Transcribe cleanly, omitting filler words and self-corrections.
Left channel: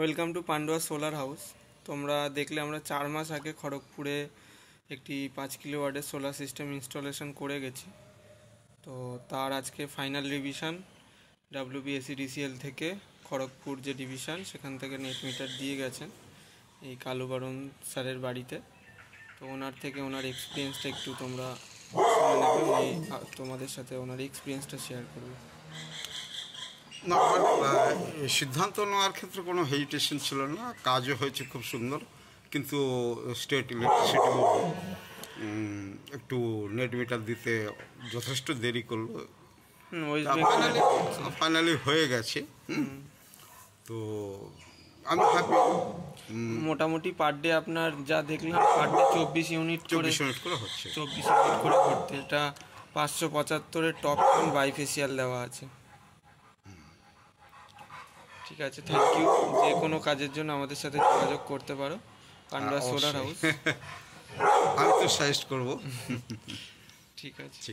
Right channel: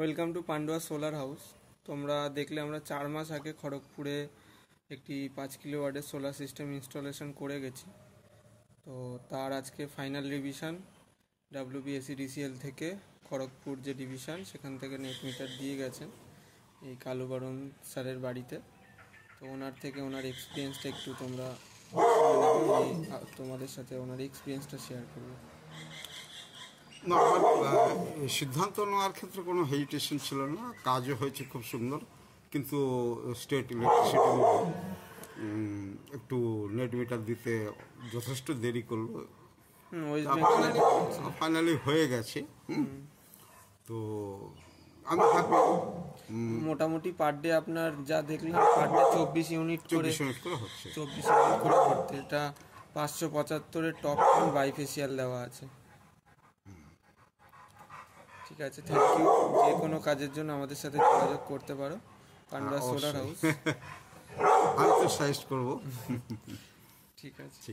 Welcome to Pandua solar house. তোমরা দেখলে আমরা 4 মাস আগে খড়গপুরে একটি 5 কিলোওয়াটের সোলার সিস্টেম ইনস্টলেশন করে গেছি। তো তার আজকে ফাইনাল রিভিশন WBSEDCL থেকে খড়গপুর যে ডিভিশন সেখান থেকে নেট মিটার দিয়ে গেছেন এই কালুবরণ স্যারের বাড়িতে। তো ওনার থেকে ওনার এক্সপিরিয়েন্সটা একটু তোমরা শুনে নেবে, উনি তোমাদের সাথে ওনার এক্সপিরিয়েন্সটা শেয়ার করবে। না, আমার সিদ্ধান্ত নেওয়ার ক্ষেত্রে কোনো হেজিটেশন ছিল না। কাজও হয়েছে খুব সুন্দর, কিন্তু স্টেট ইলেকট্রিসিটি একটু নেট মিটার দিতে যথেষ্ট দেরি করলো। ফাইনালি হয়ে গেছে। তো আমি ভাবি মোটামুটি পার ডে আপনার যা দেখলাম পার ডে 24 ইউনিট করে হচ্ছে। 24 ইউনিট করে করতে, এটা 575-এর টপ বাইফেসিয়াল দেওয়া আছে। ঠিক আছে, থ্যাংক ইউ। যে কোনো কাজের জন্য আমাদের সাথে যোগাযোগ করতে পারো, পান্ডুয়া সোলার হাউস। আমি তো সাজেস্ট করবো। ঠিক আছে।